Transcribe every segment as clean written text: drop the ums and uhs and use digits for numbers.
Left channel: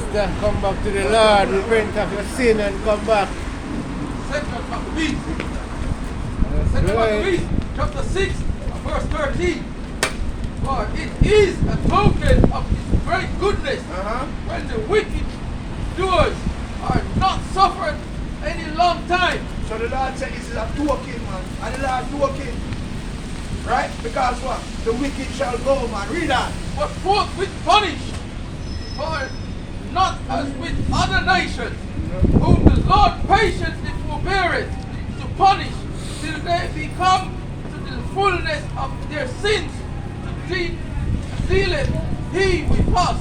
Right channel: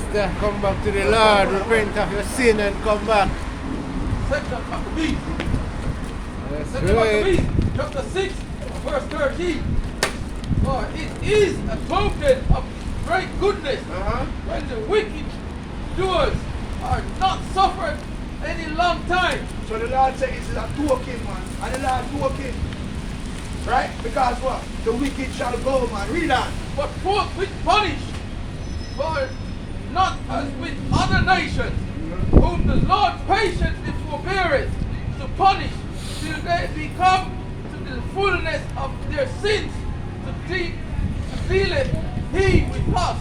sister, come back to the Lord, repent of your sin and come back. Second Maccabees. That's Second right. Maccabees, chapter 6, verse 13. For it is a token of His great goodness when the wicked doers are not suffered any long time. So the Lord said this is a token, man. And the Lord token. Right? Because what? The wicked shall go, man. Read that. But forthwith punish, for not as with other nations, whom the Lord patiently forbeareth to punish, till they become to the fullness of their sins, to dealeth He with us,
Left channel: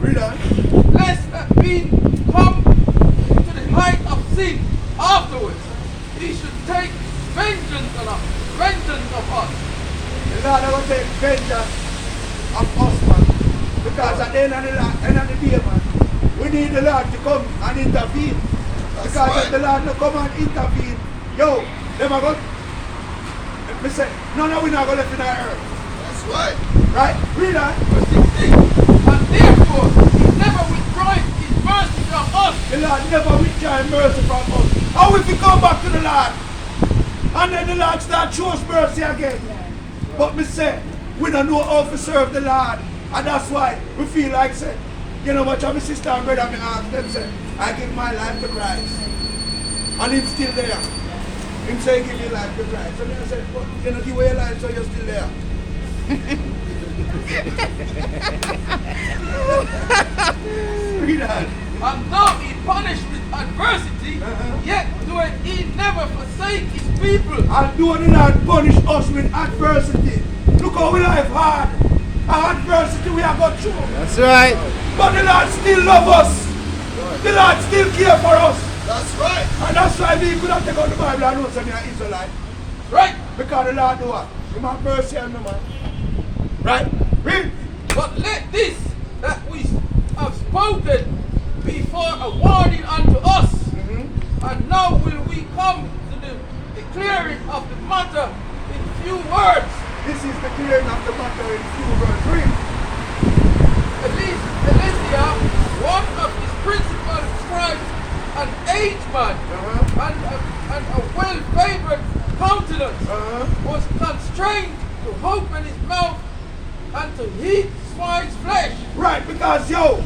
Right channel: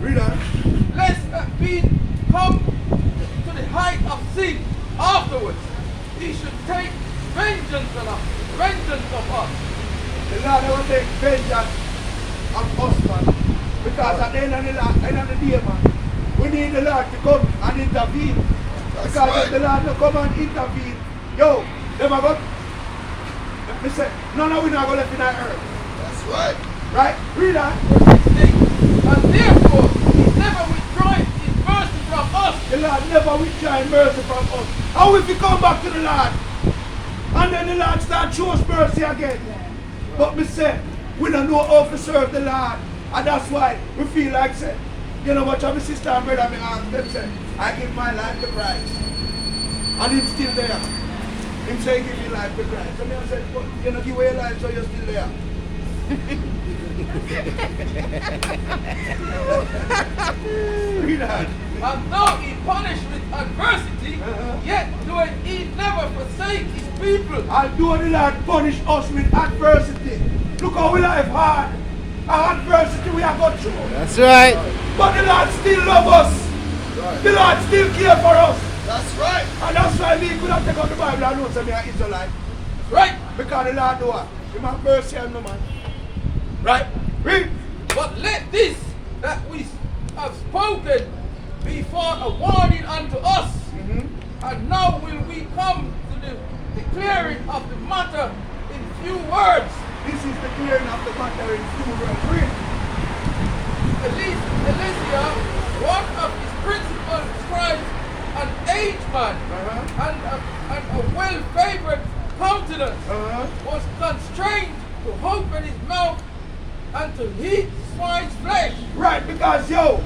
Read that. lest that we come to the height of sin afterwards, He should take vengeance on us, vengeance of us. The Lord will take vengeance of us, man. Because at the end of the day, man, we need the Lord to come and intervene. Because if the Lord not come and intervene, yo, them are going. Me say, none of we not going to left in our earth. That's right. Right? Read that. Verse 16. And therefore He never withdraweth His mercy from us. The Lord never withdraw mercy from us. How if we come back to the Lord? And then the Lord start show us mercy again. But me say, we don't know how to serve the Lord. And that's why we feel like say, you know what, my sister and brother, me ask them say, I give my life to Christ. And Him still there. Him say, give your life to Christ. And I said, but you know, give away your life so you're still there. Read that. And though He punished with adversity, yet doeth He never forsake His people. And do the Lord punish us with adversity. Look how we life hard. Our adversity we have got through. That's right. But the Lord still love us. The Lord still care for us. That's right. And that's why we could have taken out the Bible and know that we are Israelite. Right? Because the Lord do what? He have mercy on me, man. Right? Read. But let this that we have spoken be for a warning unto us. And now will we come to the declaring of the matter in few words. This is the clearing of the matter in few words. Read. Elisha, one of his principal scribes, an aged man, and a well-favored countenance, was constrained to open his mouth and to eat swine's flesh. Right, because yo,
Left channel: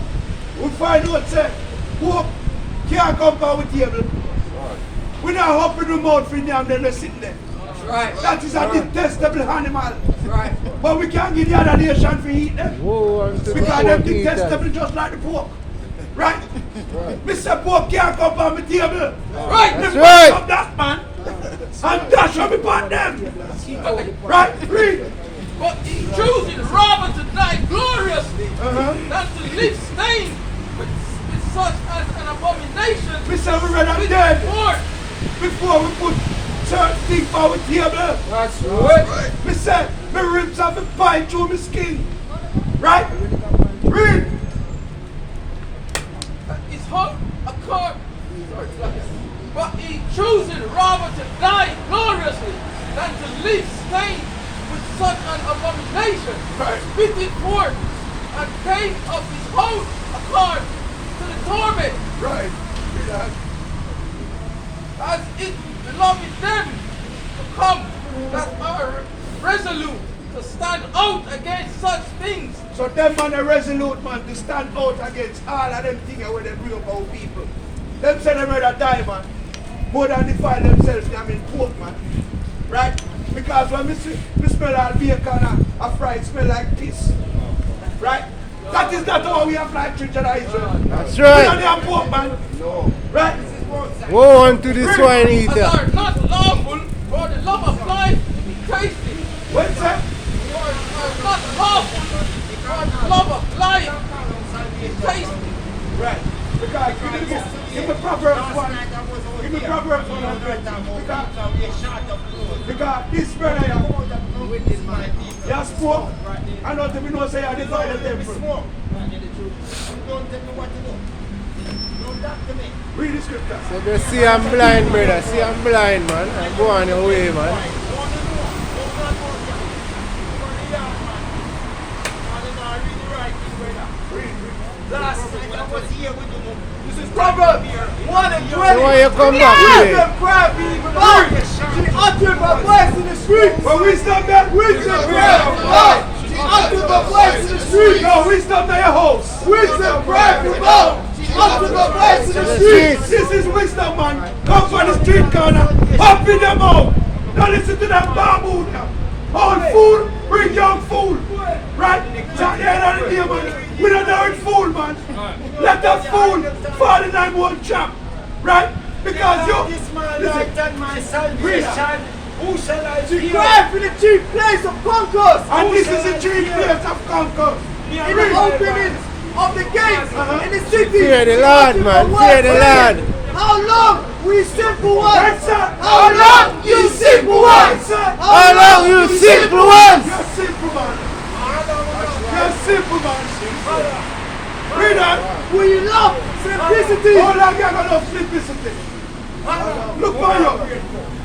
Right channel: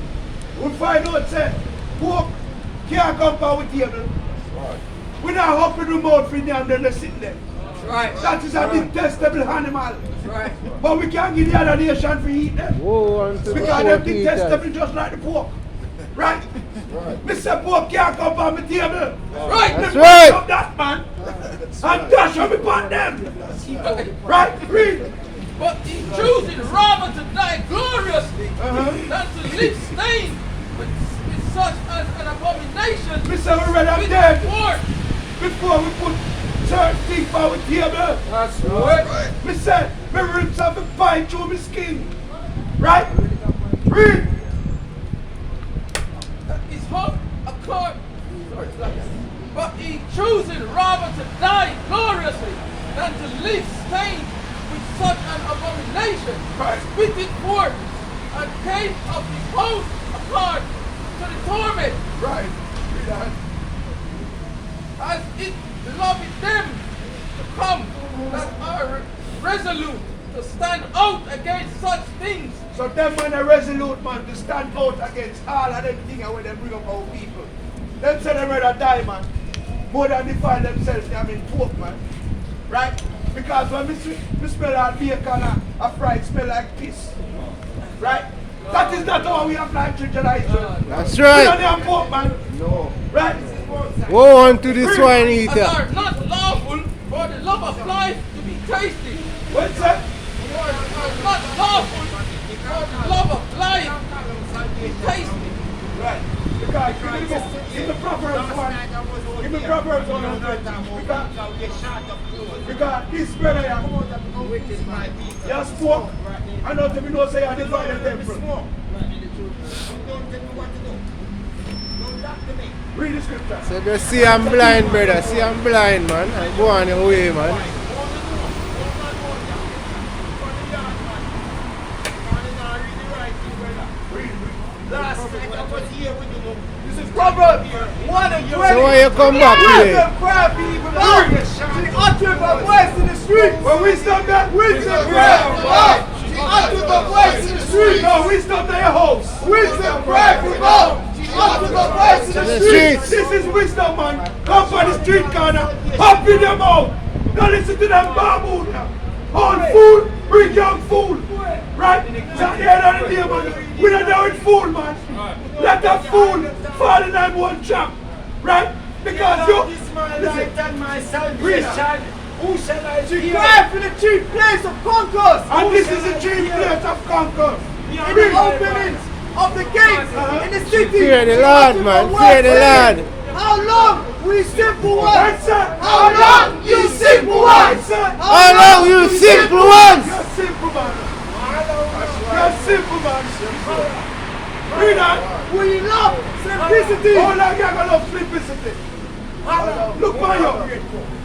we find out say, pork can't compare with table. We not open the mouth for them and they're sitting there. Right. That is a detestable animal. Right. But we can't give the other nation for eat them. Whoa, Because they're detestable just like the pork. Right? Mr. Pork can't come on my table. Right. That's They right. up that man and dash on me upon them. Right? Read. But he choosing rather to die gloriously than to live stained with such an abomination. Mr. We rather dead before we put certain things on the table. That's Right. Me say, my ribs have a bite through my skin. Right? Read. His heart accord. But he choosing rather to die gloriously than to live stained with such an abomination. Right. Spit it forth and came of his own accord to the torment, Right. Read that. as it beloved them to come that are resolute to stand out against such things. So them man are resolute man to stand out against all of them things where they bring up our people. Them say they rather die, man. More than defile themselves, they mean pork, man. Right? Because when me smell all bacon and a fry smell like piss. Right? That is not how we apply to generation. That's We don't right. have pork, man. No. Right? Woe unto the swine And eater. are not lawful for the love of life to be tasted. What's that? Are not lawful for the love of life to be tasted. Right. Because give me Proverbs 1. Give me Proverbs 1. Because this brother here, he has spoke. I know to me no say I divide the temple. Read the scripture. So they see I'm blind, brother. See I'm blind, man. I go on your way, man. Read. Last night I was here with you. This is Proverbs 1 and 20. So why you come back here? Wisdom cry be without. She uttered her voice in the street. But wisdom that Wisdom cry without. She uttered her voice in the street. No, wisdom to your house. Wisdom cry without. She uttered her voice in the street. This is wisdom, man. Come from the street corner. Pop in them out. Don't listen to them baboon now. Old fool, bring young fool. Right? So at the end of the day, man, we don't know it's fool, man. Let that fool fall in that one trap. Right? Because you, listen, who shall I She fear? cried for the chief place of concourse. And this is the chief place of concourse. In the openings of the gates in the city. Fear the Lord, man. Fear the Lord. How long, we simple ones? That's it. How long, you simple ones? How long, you simple ones? You're simple, man. You're simple, man. Read that. We love simplicity. How long you gonna love simplicity? Look for you.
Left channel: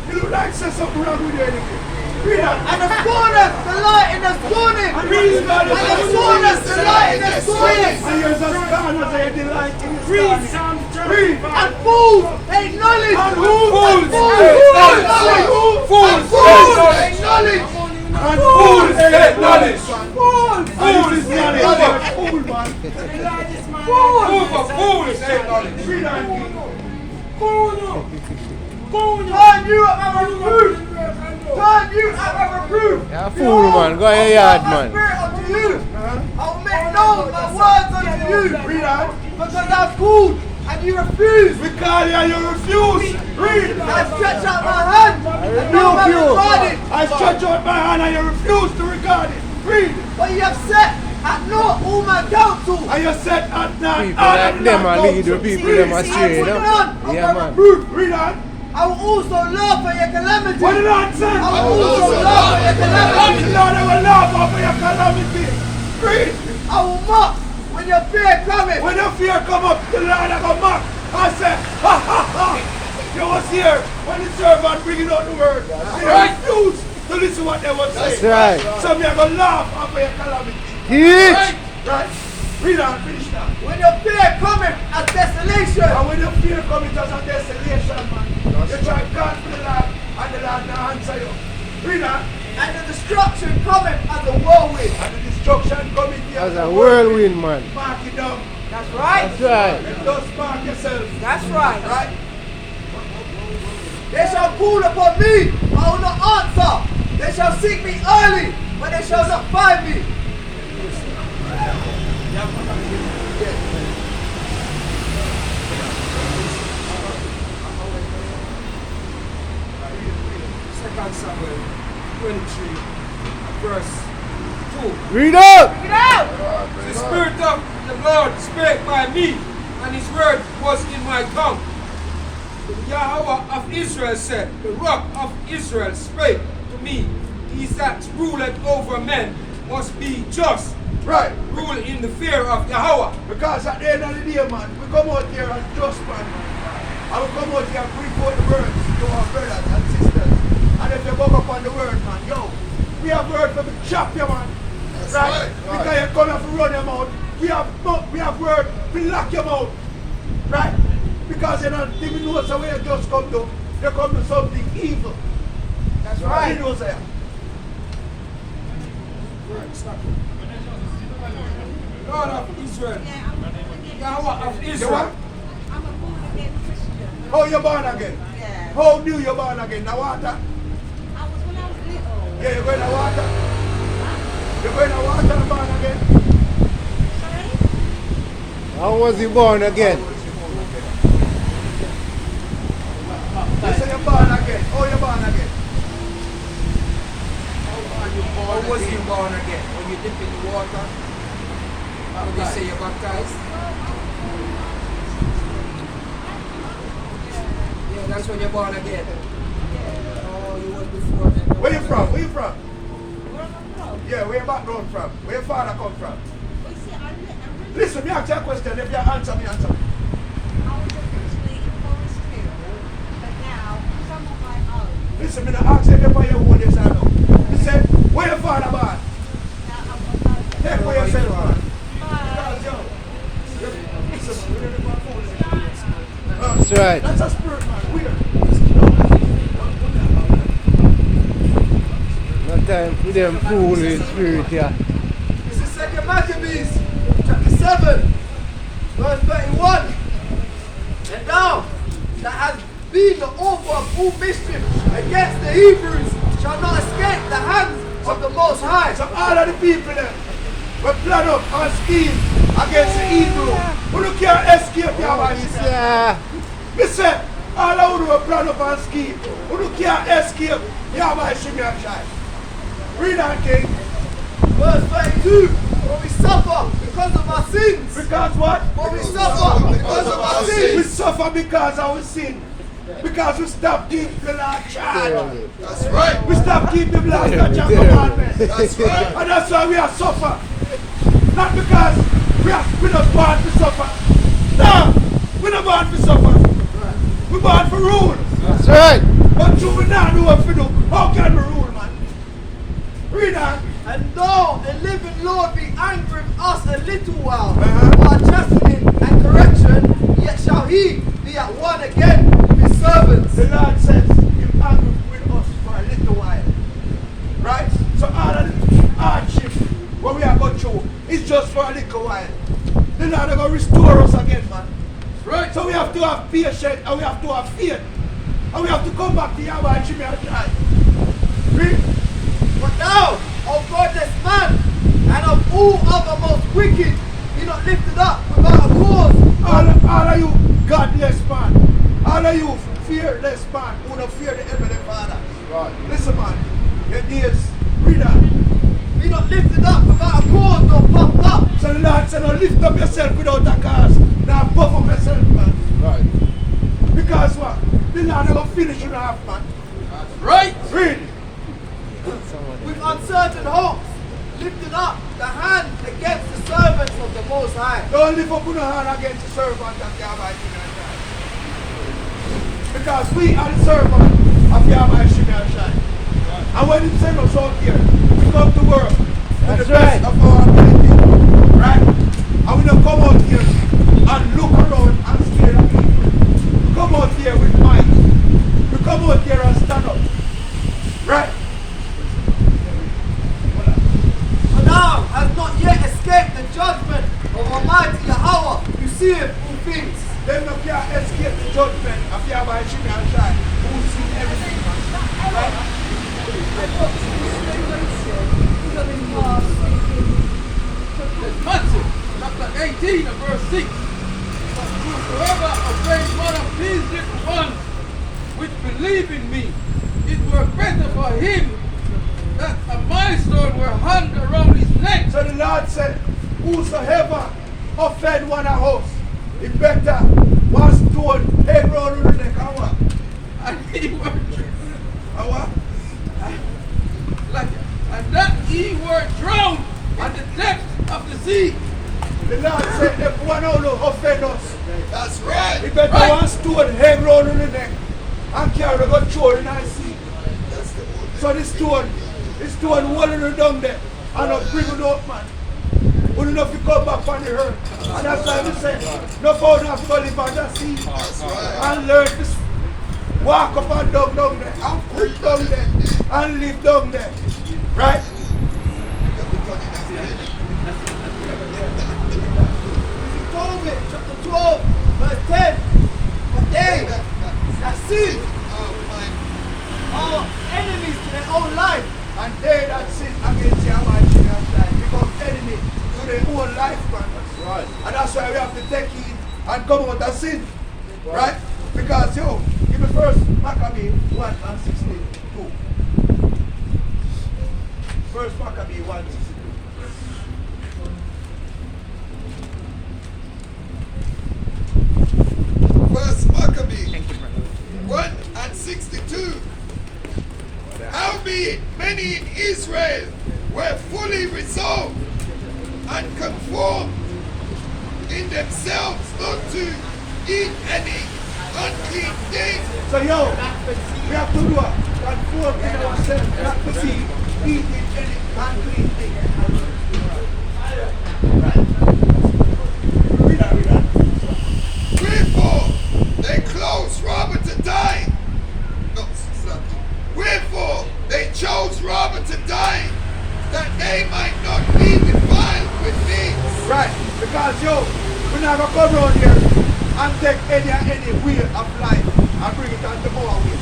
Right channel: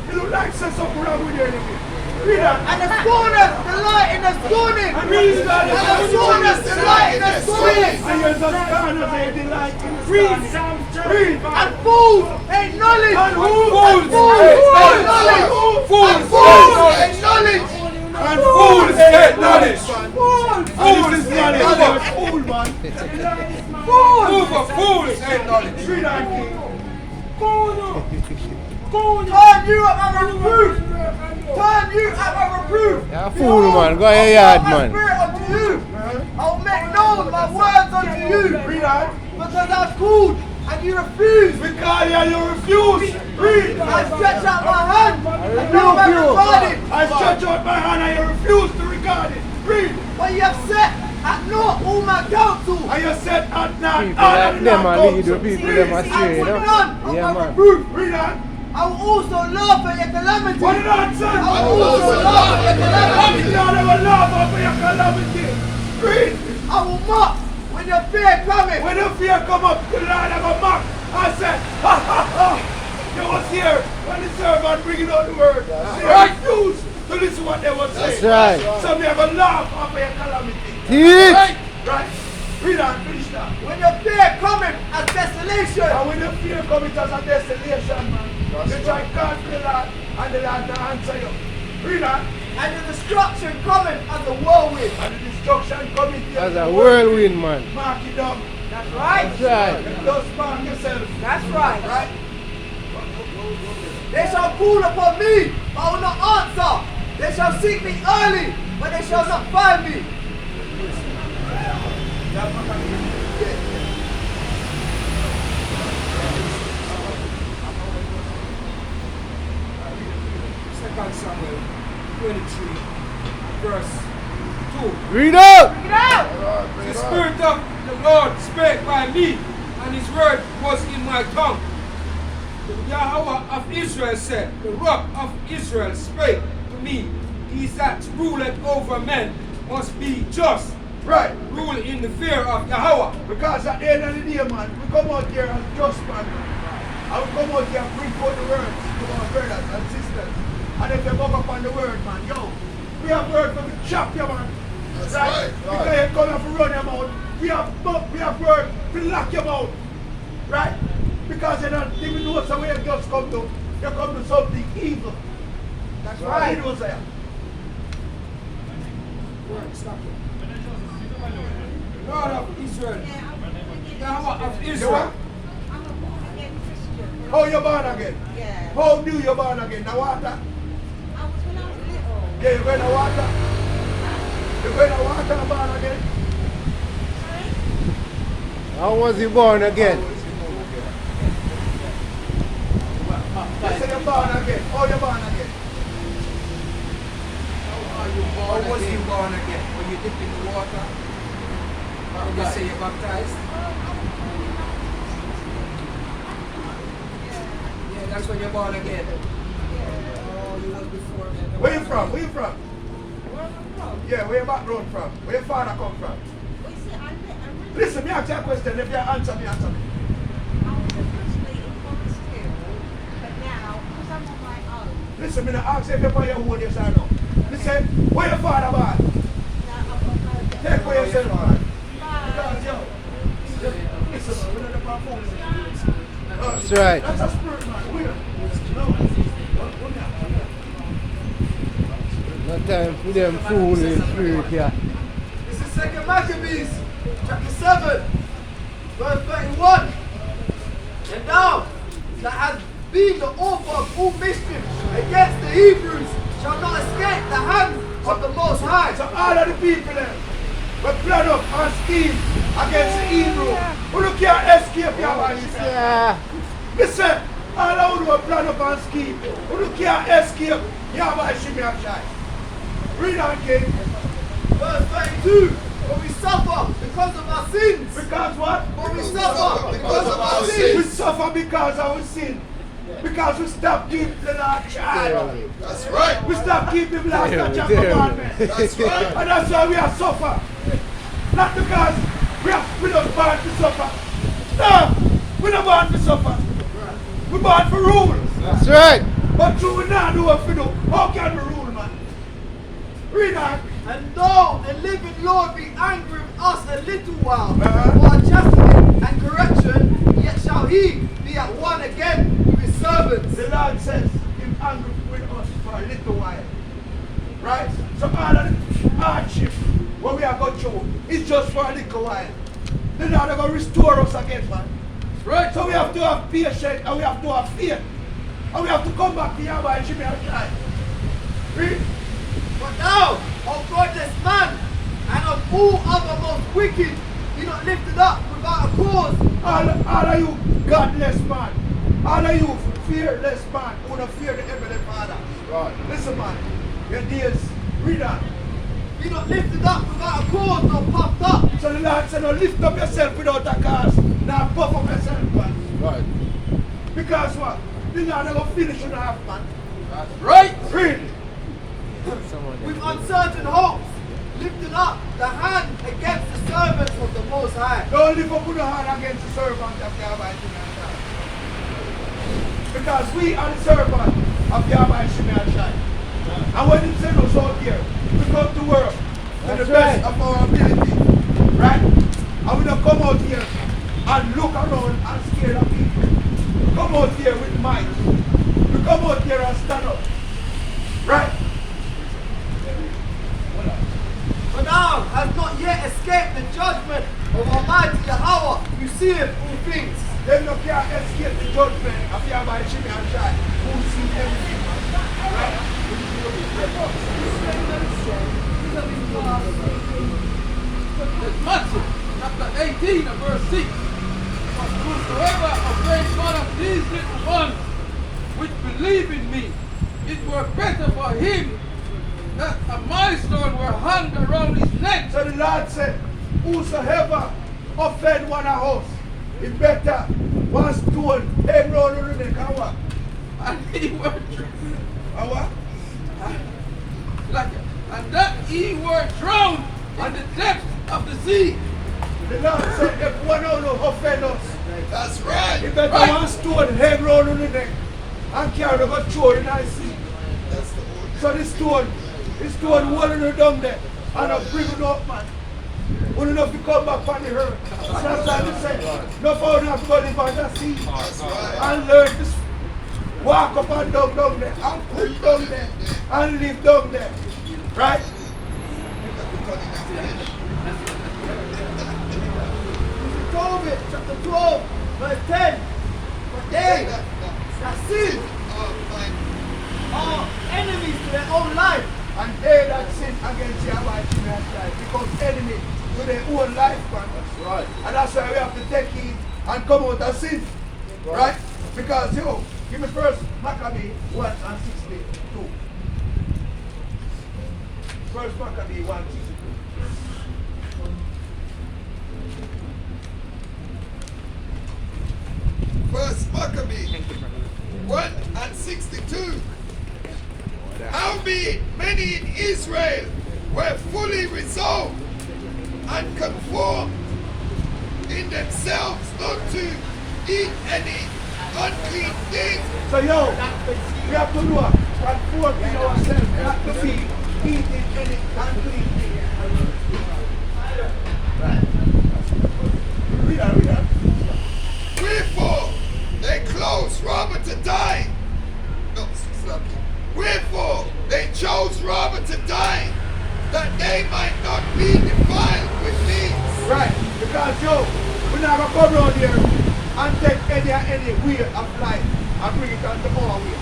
You look like say something wrong with you anyway. Read that. And the scorners delight in the scorning. And these are And the scorners delight in the scorning. And you're just scorners and you delight in the scorning. Read. And fools hate knowledge. And who? And fools hate knowledge. Fools Fools hate knowledge. and fools hate knowledge. Fools. Fools is knowledge. You're a fool, man. Fools. Read that. Turn you at a reproof. Turn you at a reproof. You're a fool, man. Go in your yard, man. Spirit unto you. I will make known my words unto you. Read that. Because I was called and you refused. We call you and you refuse. Read. I stretch out my hand and rebuke no man you. regarded. I stretch out my hand and you refuse to regard it. Read. But you have set at naught all my counsel. And you said at night. People like them and lead the people them astray, you know? Yeah, man. Read that. I will also laugh at your calamity. What did I say? I will also laugh at your calamity. Lord, I will laugh over your calamity. Read. I will mock when your fear cometh. When the fear come up, the Lord I will mock. I say, ha ha ha. You was here when the servant bringing out the word. They refuse to listen to what they were saying. That's right. So me I will laugh over your calamity. Teach. Right? Read on, finish that. When your fear cometh as desolation. And when the fear comes, it as a desolation, man. You try to call for the Lord, and the Lord not answer you. Read that. And the destruction cometh as a whirlwind. And the destruction coming here. As a whirlwind, man. Mark it down. That's right. That's right. Just mark yourself. That's right. They shall call upon me, I will not answer. They shall seek me early, but they shall not find me. Second Samuel 23, verse 2. Read up. Bring it out. The Spirit of the Lord spake by me, and his word was in my tongue. The Yahweh of Israel said, the rock of Israel spake to me, he that ruleth over men must be just, Right. rule in the fear of Yahweh. Because at the end of the day, man, we come out here as just man. And we come out here and bring forth the words to our brothers and sisters. And if they buck up on the word, man, yo, we have word for the chop you, man. That's Right? right. Because you come here to run your mouth. We have word to lock your mouth. Right? Because you don't even know so where you just come to. You come to something evil. That's You right. know, say. Lord of Israel, Yahweh of You Israel. what? How you born again? Yeah. How new you born again? Now water? I was when I was little. Yeah, you're going to water? You're going to water and born again? How was he born again? You say you're born again. How you born again? How was you born again? Were you dipped in the water? Would you say you're baptized? Yeah, that's when you're born again. Oh, you was before. Where you from? Where you from? Yeah, where your background from? Where your father come from? Listen, me ask you a question. If you answer me, answer me. Listen, me not ask you if you're your own, yes or no. Me say, where your father born? Take for yourself, man. Because, yo, That's right. That's a spirit, man. Weird. No time for them fooling spirit here. This is 2 Maccabees, chapter 7, verse 31. And now, that has been the author of all mischief against the Hebrews shall not escape the hands of the Most High. So all of the people there were plan up and scheme against the Hebrew. Who can't escape Yahweh Shimei. Yeah. Me say, all of them were plan up and scheme. Who can't escape Yahweh Shimei. Read that, King. Verse 32. For we suffer because of our sins. Because what? For we suffer because of our We sins. suffer because of our sin. Because we stop keeping the Lord charge. That's right. We stop keeping laws and commandments. That's right. And that's why we are suffer. Not because we're not born to suffer. No, we're not born to suffer. We're born for rule. That's right. But true, we not know what to do. How can we rule, man? Read that. And though the living Lord be angry with us a little while Uh-huh. for our chastening and correction, yet shall he be at one again with his servants. The Lord says, He's angry with us for a little while. Right? So all of the hardship what we are going through is just for a little while. The Lord is going to restore us again, man. Right. So we have to have patience and we have to have faith. And we have to come back to Yahweh and Shimei and try. Read. But thou, O godless man, and of all other most wicked, be not lifted up without a cause. All of you godless man. All of you fearless man who don't fear the Heavenly Father. Right. Listen, man. Your days. Read that. Be not lifted up without a cause, nor puffed up. So the Lord said, don't lift up yourself without a cause. Now puff up yourself, man. Right. Because what? The Lord is going to finish you off, man. Right. Read. With uncertain hopes, lifting up the hand against the servants of the Most High. Don't lift up your hand against the servant of Yahweh Shimei. Because we are the servant of Yahweh Shimei. And when He sends us out here, we come to work with That's the best right. of our ability. Right? And we don't come out here and look around and scare the people. We come out here with might. We come out here and stand up. Right? For thou hast not yet escaped the judgment of Almighty Yahweh, who seeth all things. Them no can't escape the judgment of Yahweh Shimei and Shai, who see everything. Right? That's Matthew chapter 18 and verse 6. But whosoever obeys one of these little ones which believe in me, it were better for him that a millstone were hung around his neck. So the Lord said, whosoever offend one of us, it better one stone hang round the neck and what? And he were And what? and that he were drowned in the depth of the sea. The Lord said, if one of them offend us, That's right. it better Right. one stone hang round the neck and carry the go throw in the sea. So the stone holding her down there and not bring it up, man. We don't know if you come back from the earth. And that's why we say, no found have to go live on the sea. And learn to walk up and down there, and cook down there, and live down there. Right? Tobit chapter 12, verse 10. But they that sin are enemies to their own life. And they that sin against Yahweh Shimei become enemy to their own life, man. That's right. And that's why we have to take it and come out of sin. Right? Because, give me first Maccabee 1 and 62. First Maccabee 1 62. First Maccabee 1 and 62. Howbeit many in Israel were fully resolved and conformed in themselves not to eat any unclean thing. So we have to do a conform in ourselves, not to be eating any unclean thing. Right. Read that. be defiled with meats. Right, because yo, we're not gonna come around here and take any way of life and bring it onto our way.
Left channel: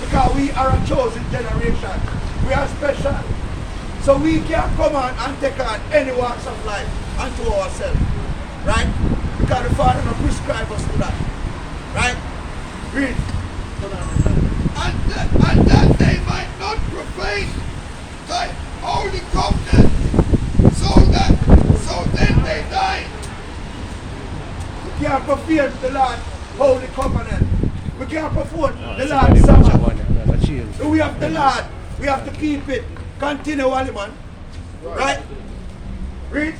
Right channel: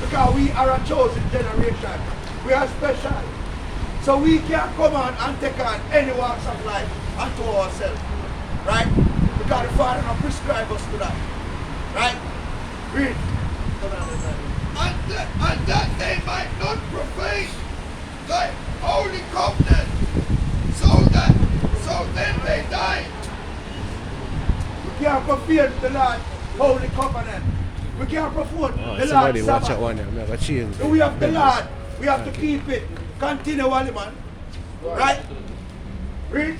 Because we are a chosen generation. We are special. So we can't come on and take on any walks of life unto ourselves. Right? Because the Father not prescribe us to that. Right? Read. And that they might not profane thy holy covenant, so then they die. We can't profane the Lord's holy covenant. We can't profane the Somebody Lord's watch that Sabbath. one. I'm gonna change. We have the Lord. We have to keep it continually, man. Right? Read.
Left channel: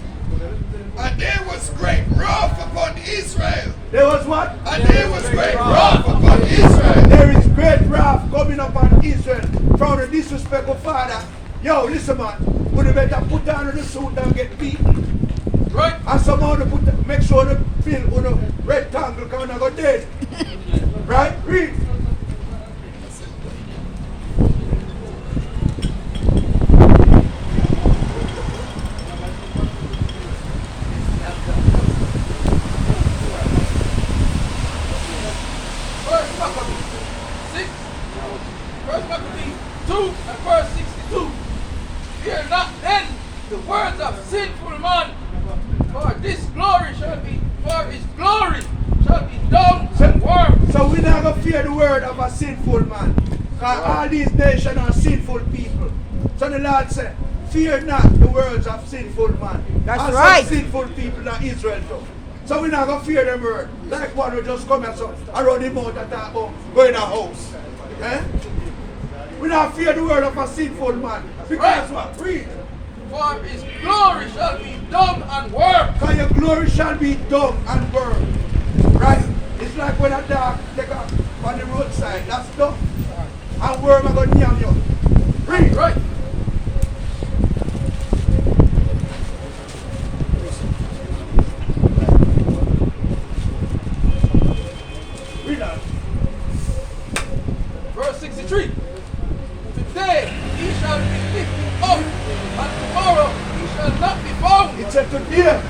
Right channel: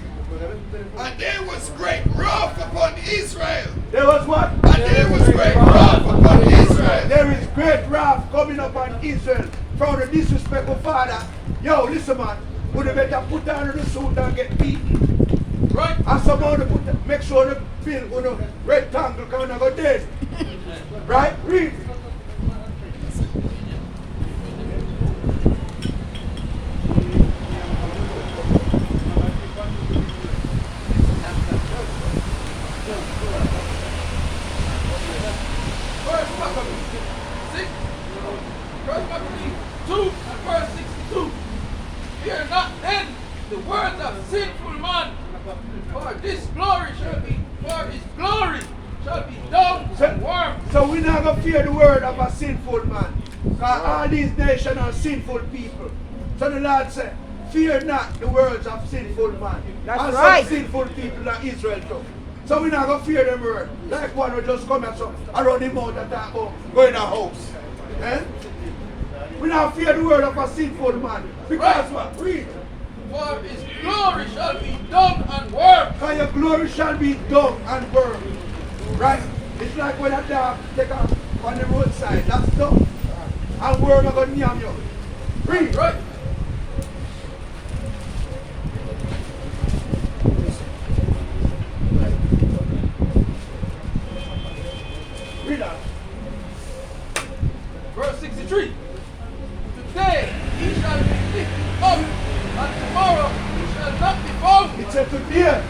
And there was great wrath upon Israel. There was what? And there was great wrath upon Israel. There is great wrath coming upon Israel from the disrespectful father. Yo, listen, man. Would you better put on the suit and get beaten? Right? And somehow they make sure they build on a rectangle because they're going to go dead. Right? Read. First Maccabees 6, First Maccabees 2 and verse 62. Fear not then the words of sinful man, for his glory shall be down and worm. So we're not going to fear the word of a sinful man. Because all these nations are sinful people. So the Lord said, fear not the words of sinful man. That's and right. some sinful people in Israel too. So we're not going to fear them word. Like one who just come and so around the mouth and talk about go in a house. Eh? We not fear the word of a sinful man. Because what? Read. For his glory shall be dung and worm. Because your glory shall be dung and burned. Right? It's like when a dog take off on the roadside. That's dung. And worm are going to yam you. Read. Right? Read that. Verse 63. Today he shall be lifted up, and tomorrow he shall not be found. It said today.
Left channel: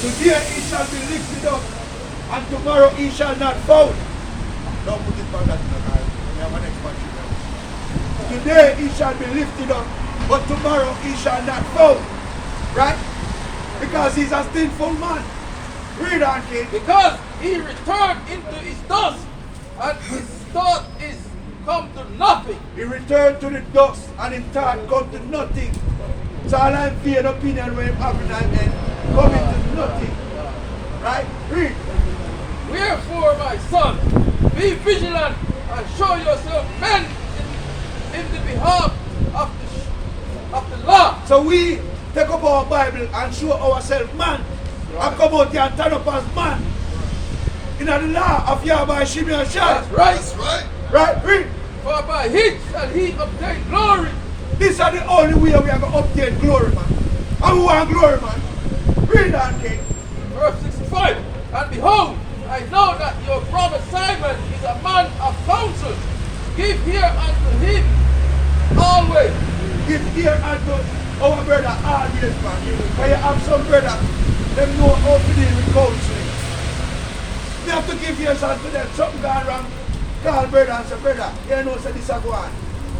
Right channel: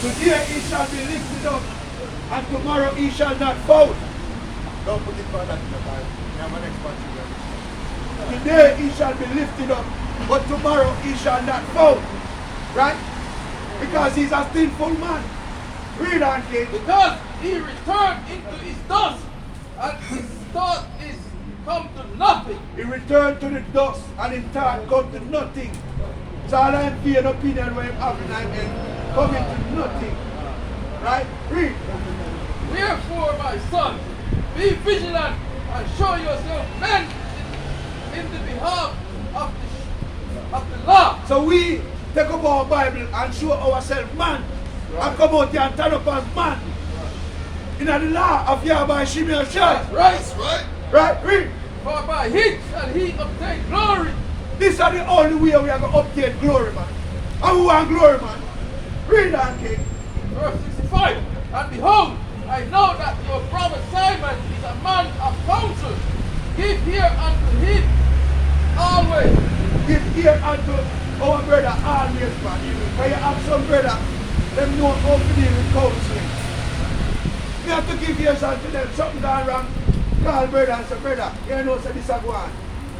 Today he shall be lifted up, and tomorrow he shall not found. Don't put it back that in the car. We have an next one. Today he shall be lifted up, but tomorrow he shall not found. Right? Because he's a sinful man. Read on, King. Because he returned into his dust, and his thought is come to nothing. He returned to the dust, and his thought come to nothing. So all I'm fearing opinion when him having and coming to nothing. Right? Read. Wherefore, my son, be vigilant and show yourself men in the behalf of the law. So we take up our Bible and show ourselves man. And come out here and turn up as man. In the law of Yahweh Shimei Shai. That's right. That's right. Right? Read. For by it shall he obtain glory. This is the only way we are going to obtain glory, man. And we want glory, man. Read that, King. Verse 65. And behold, I know that your brother Simon is a man of counsel. Give ear unto him always. Give ear unto our brother always, man. Because you have some brother, them know how to deal with counseling. We have to give ears unto them. Something gone wrong. Call brother and say, brother, you know, say this a go on.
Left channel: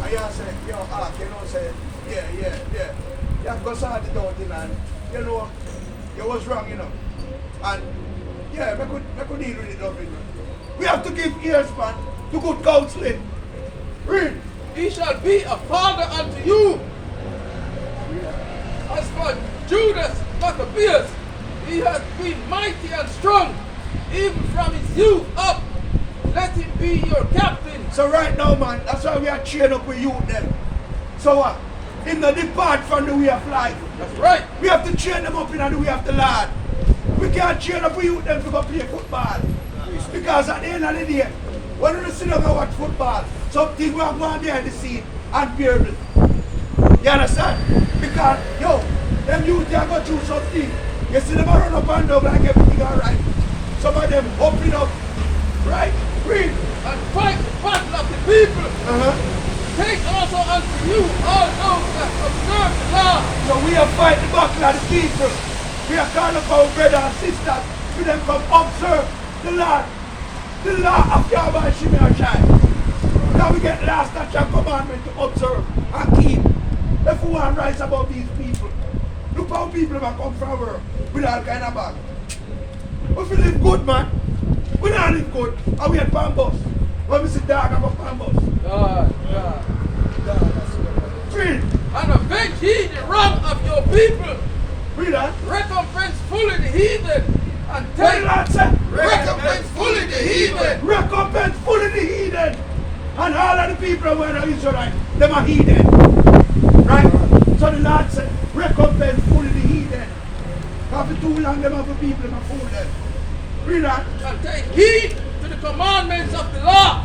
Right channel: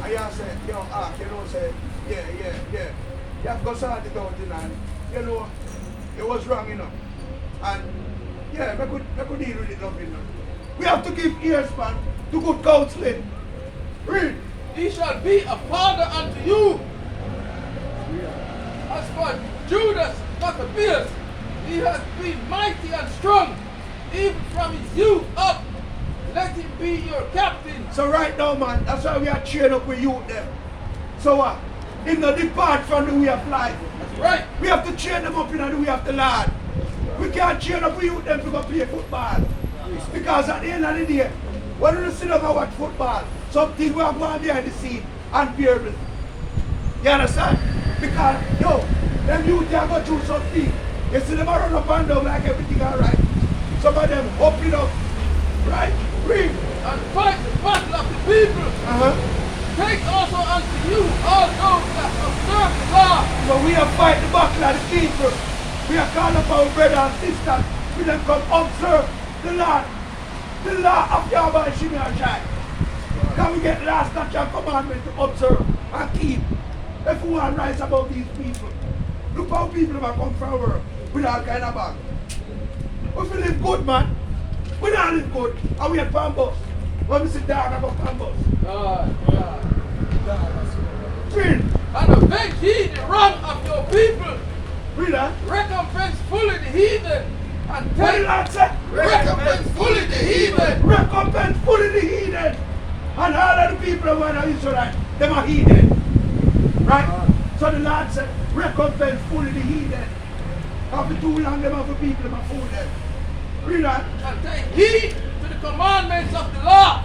And you say, yo, you know, say, yeah. You have to go sort it out, you know, and, you know, you was wrong, you know. And, yeah, we could deal with it, love, you know. We have to give ears, man, to good counseling. Read. He shall be a father unto you. As for Judas Maccabeus, he has been mighty and strong, even from his youth up. Let him be your captain. So right now, man, that's why we are cheering up with youth them. So what? Him not depart from the way of life. That's right. We have to train them up in the way of the Lord. We can't train up with youth them to go play football. Because at the end of the day, when you sit down and watch football, something will go on behind the scene and bearable. You understand? Because, yo, them youth they are going through something. You see them run up and down like everything alright. Some of them hopping up. Right? Read. And fight the battle of the people. take also unto you all those that observe the law. So we are fighting the battle of the people. We are calling up our brothers and sisters for them come observe the law of Yahweh Shimei and Shai. Can we get last statute and commandment to observe and keep? If we want to rise above these people. Look how people have come from work with all kind of bag. If we live good, man, we don't live good. And we at Pambos. When we sit down about Pambos. God. Free. And avenge ye the wrong of your people. Read that. Recompense fully the heathen. And What take did Lord say? Recompense fully the heathen. Recompense fully the heathen. And all of the people who are not Israelites, them are heathen. Right? So the Lord said, recompense fully the heathen. After too long, them have people, them are fool them. Read that. and take heed to the commandments of the law.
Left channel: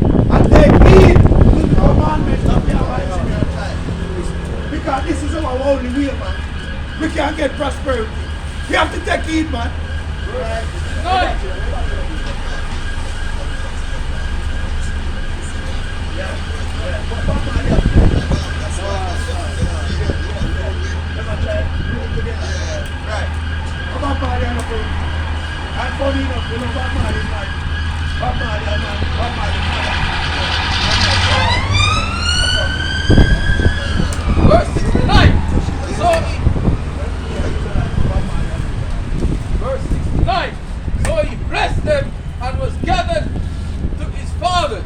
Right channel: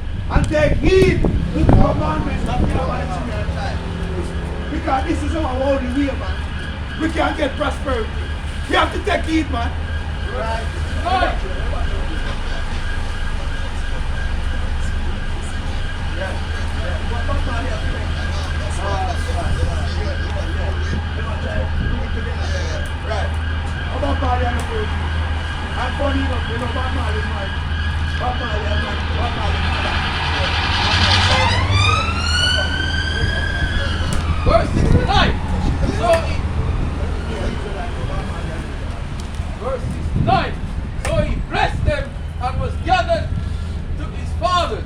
And take heed to the commandments of Yahweh Shimei and Shai. Because this is our only way, man. We can't get prosperity. We have to take heed, man. Right. Right. About Mali and the food. And funny enough, you know, Bob Marley is married. Bob Marley and man. Bob Marley Verse 69. Verse 69. So he blessed them and was gathered to his fathers.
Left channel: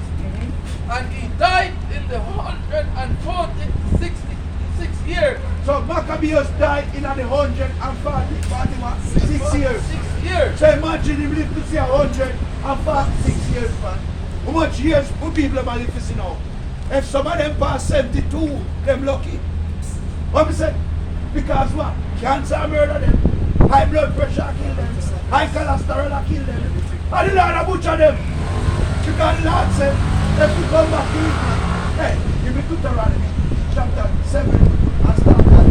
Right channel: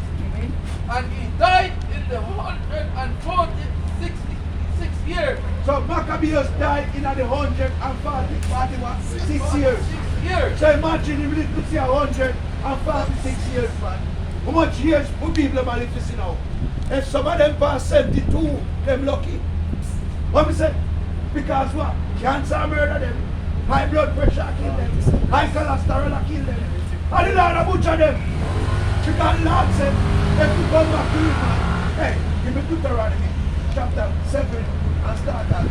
And he died in the 146 years. So Maccabeus died in the 146 years. 6 years. So imagine him live to see 146 years, man. How much years would people have lived to see now? If some of them pass 72, them lucky. What me say? Because what? Cancer murder them. High blood pressure kill them. High cholesterol kill them. And the Lord butcher them. Because the Lord said, if we come back to it, man, hey, give me Deuteronomy chapter 7 and start that.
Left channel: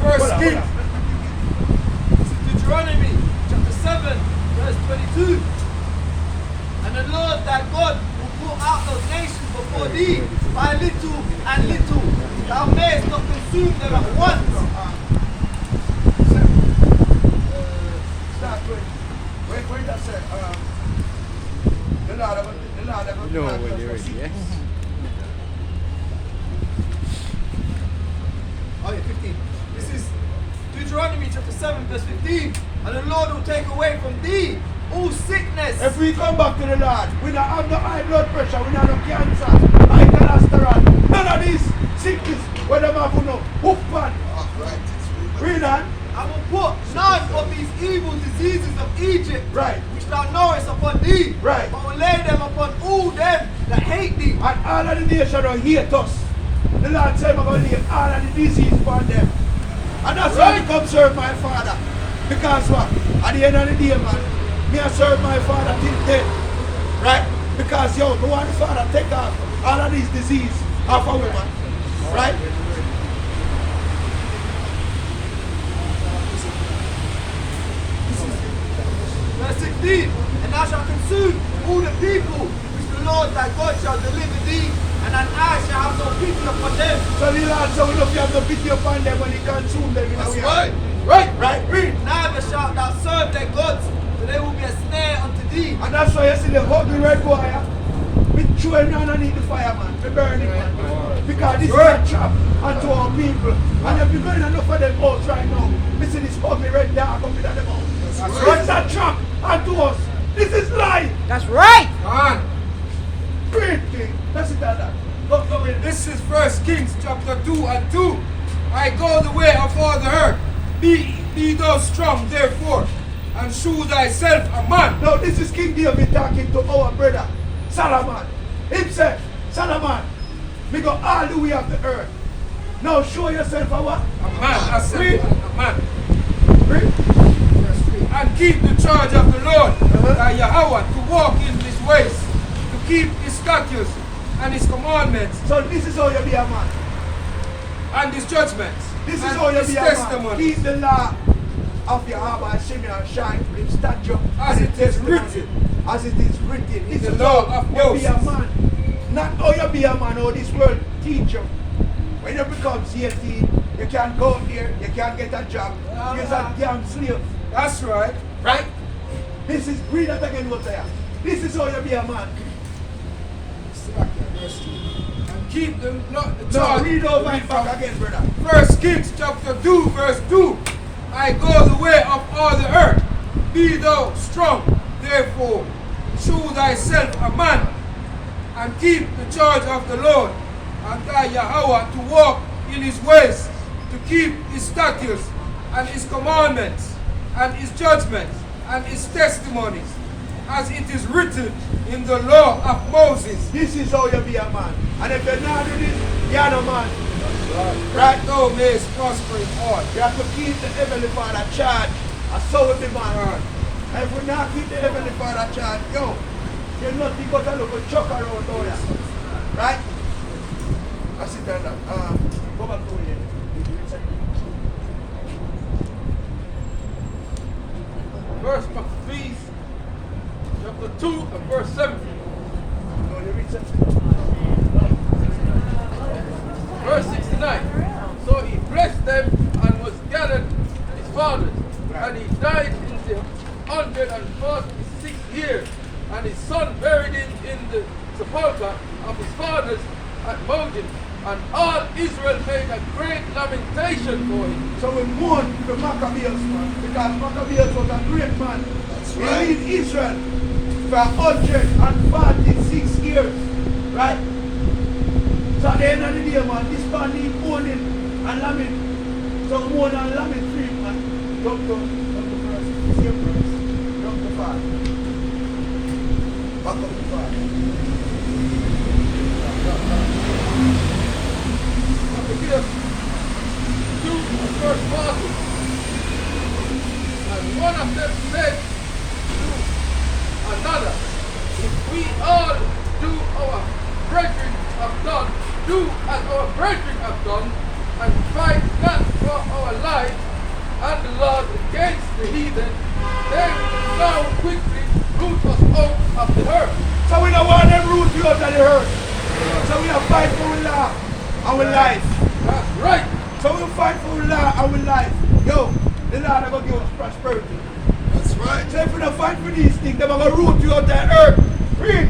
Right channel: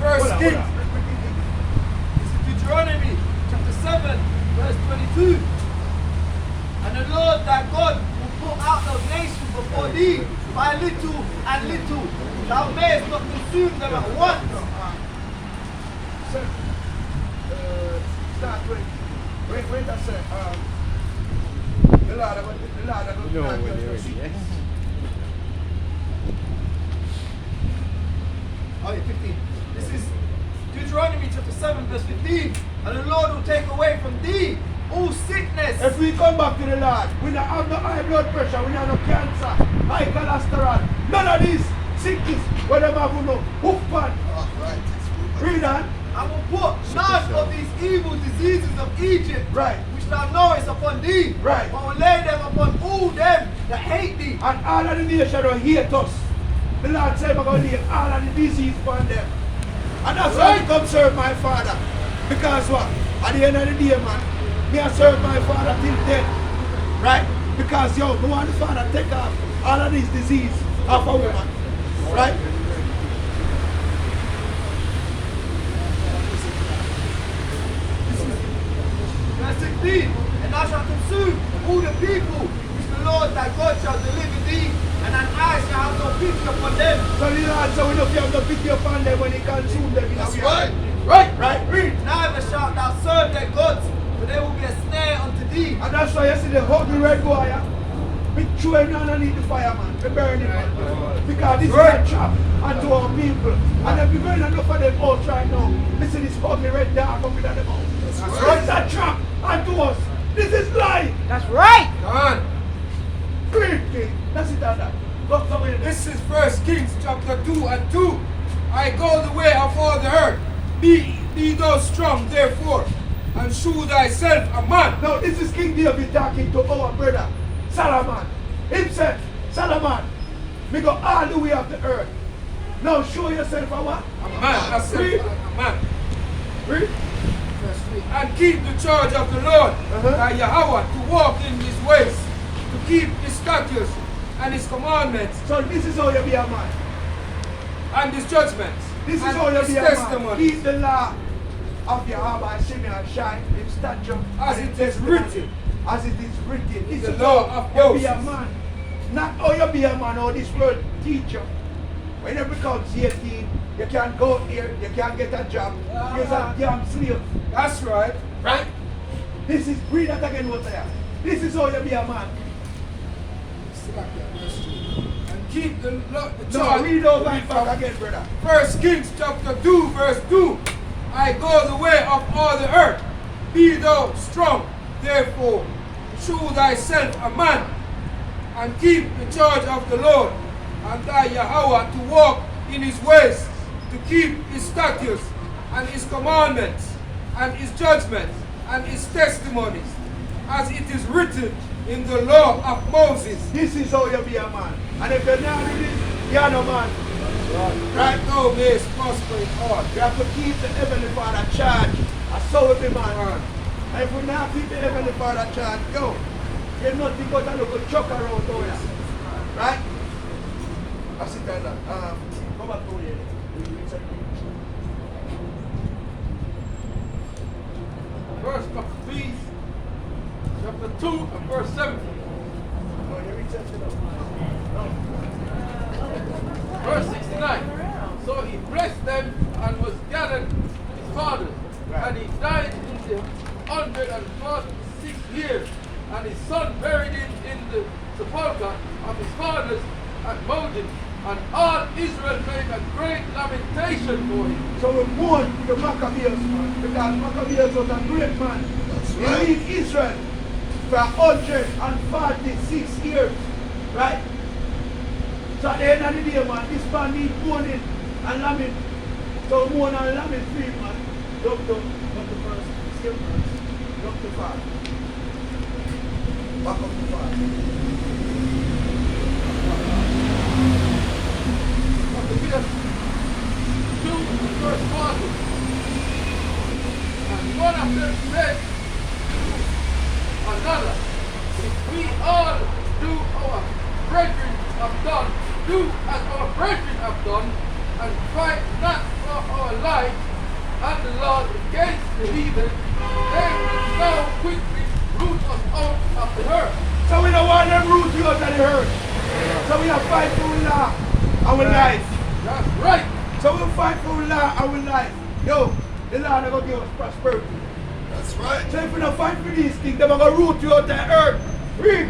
First Kings. This is Deuteronomy chapter 7, verse 22. And the Lord thy God will put out those nations before thee by little and little. Thou mayest not consume them at once. Start with, wait that say, the Lord about You know when you're ready, yes? Oh, yeah, 15. This is Deuteronomy chapter 7, verse 15. And the Lord will take away from thee all sickness. if we come back to the Lord, we don't have no high blood pressure, we don't have no cancer, high cholesterol, none of these sickness, whether them have no hoof pan. Read that. I will put none of these evil diseases of Egypt, Right. which thou knowest, upon thee, Right. but will lay them upon all them that hate thee. And all of the nation don't hate us. The Lord said, I'm going to lay all of the disease upon them. And that's why I come serve my Father. Because what? At the end of the day, man, me I serve my Father till death. Right? Because, yo, me want the Father take off all of these disease off of women. Right? Verse 16. And thou shalt consume all the people which the Lord thy God shall deliver thee, and thine eyes shall have no pity upon them. So the Lord said, we don't have no pity upon them when he consume them. That's right. Right? Read. Neither shalt thou serve their gods, for they will be a snare unto thee. And that's why you see the ugly red boy, yeah? We throw him underneath the fire, man. We burn him, man. Because this is a trap unto our people. And if you're going enough of them out right now, listen, this ugly red dog up in them out. It's a trap unto us. This is lie. That's right. Come on. Great king. That's it, that. Go in. This is First Kings chapter 2 and 2. I go the way of all the earth. Be thou strong, therefore, and shew thyself a man. Now, this is King David talking to our brother, Solomon. Himself, Solomon, me go all the way of the earth. Now, show yourself a what? A man, I said, a man. Read. And keep the charge of the Lord, thy Yahweh, to walk in his ways, to keep his statutes and his commandments So this is how you be a man. and his judgments. This is and how you his be a man. testimony, Keep the law of Yahweh Shimei and Shai, his statute, as and it his is testimony. written as it is written. It's The a law law of you be a Moses. man. Not how you be a man or this world teach you. When you become 18, you can't go out there, you can't get a job. You're a damn slave. That's right. Right? This is read that again what I am. This is how you be a man. And keep the Now charge. read over it back again, brother. First Kings chapter 2, verse 2. I go the way of all the earth. Be thou strong, therefore, shew thyself a man, and keep the charge of the Lord, and thy Yahweh to walk in his ways, to keep his statutes, and his commandments, and his judgments, and his testimonies, as it is written in the law of Moses. This is how you be a man. And if you're not doing this, you're no man. Right thou mayest prosper in all. You have to keep the Heavenly Father charge. And so will be man. And if we not keep the Heavenly Father charge, yo, you're nothing but a little chuck around there. Right? I sit down that. Go back to here. Verse of Ephesians, chapter 2 and verse 7. No, you read something. Verse 69. So he blessed them and was gathered his fathers. And he died in the 146th year. And his son buried him in the sepulchre of his fathers at Modim. And all Israel made a great lamentation for him. So we mourn the Maccabees, man, because Maccabees was a great man. He lead Israel for 146 years, right? So at the end of the day, man, this man need mourning and lament. So mourn and lament free, man. Don't the first, same verse, don't the 5. Back up to 5. Look at 2 verse 40. And one of them said to another, if we all do our brethren have done, do as our brethren have done, and fight not for our lives and the Lord against the heathen, they will now quickly root us out of the earth. So we don't want them root you out of the earth. So we have fight for our law, our life. That's right. So we fight for our law, our life. Yo, the Lord is going to give us prosperity. That's right. So if we don't fight for these things, they're going to root you out of the earth. Read.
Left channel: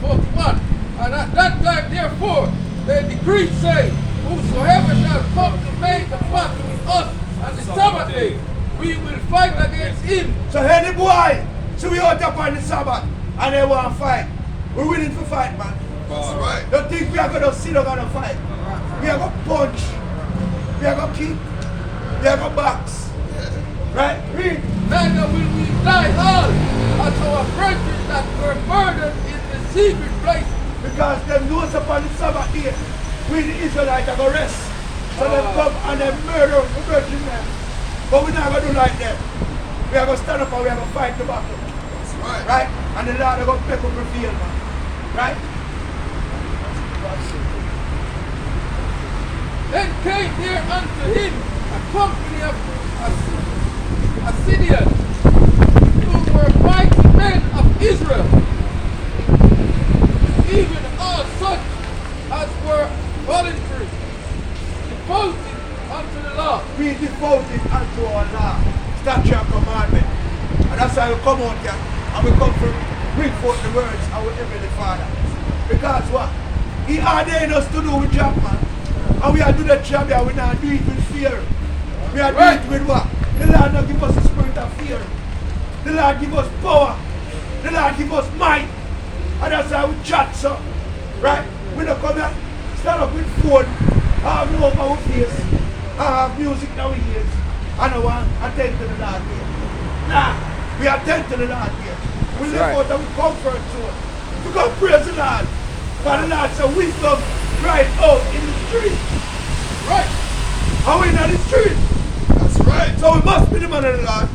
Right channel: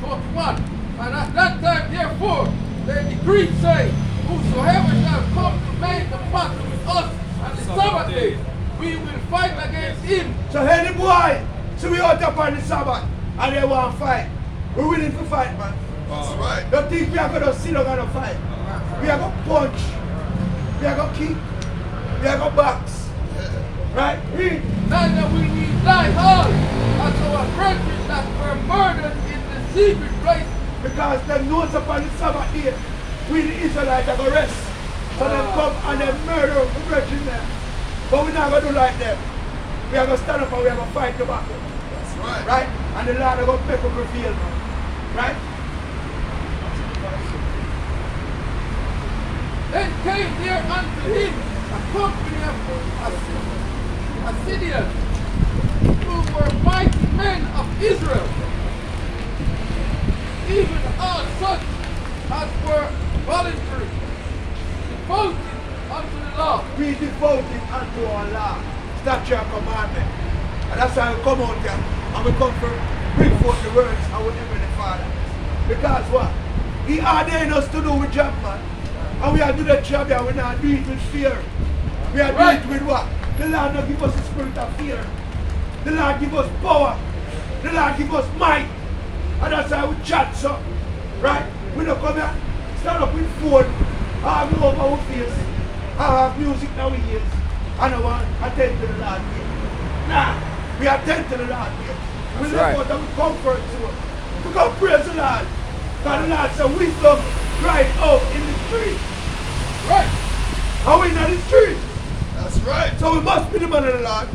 41. And at that time, therefore, the decree say, whosoever shall come to make a pact with us on the Sabbath day, we will fight against him. So any boy, so we out upon the Sabbath, and they want to fight. We're willing to fight, man. That's right. Don't think we are going to sit down and fight. We are going to punch. We are going to kick. We are going to box. Right? Read. Neither will we die all as our brethren that were murdered in the secret place. Because them knows upon the Sabbath day, we the Israelites are going to rest. So they come and they murder the virgin them. But we're not going to do like them. We are going to stand up and we are going to fight the battle. That's right. Right? And the Lord is going to make us prevail, man. Right? Then came there unto him a company of Assyrians, who were mighty men of Israel, even all such as were voluntary, devoted unto the law. We devoted unto our law, statute and commandment. And that's why we come out here and we come to bring forth the words of our Heavenly Father. Because what? He ordained us to do with job, man. And we are doing the job here, we not do it with fear. We are doing it with what? The Lord not give us a spirit of fear. The Lord give us power. The Lord give us might. And that's why we chat so. Right? We don't come here, stand up with phone, have no over our face, have music in our ears, and I want to attend to the Lord here. Nah, we attend to the Lord here. We live out and we comfort to us. We come praise the Lord. Because the Lord said wisdom cried out in the street. Right? And we're in the street. That's right. So we must be the man of the Lord.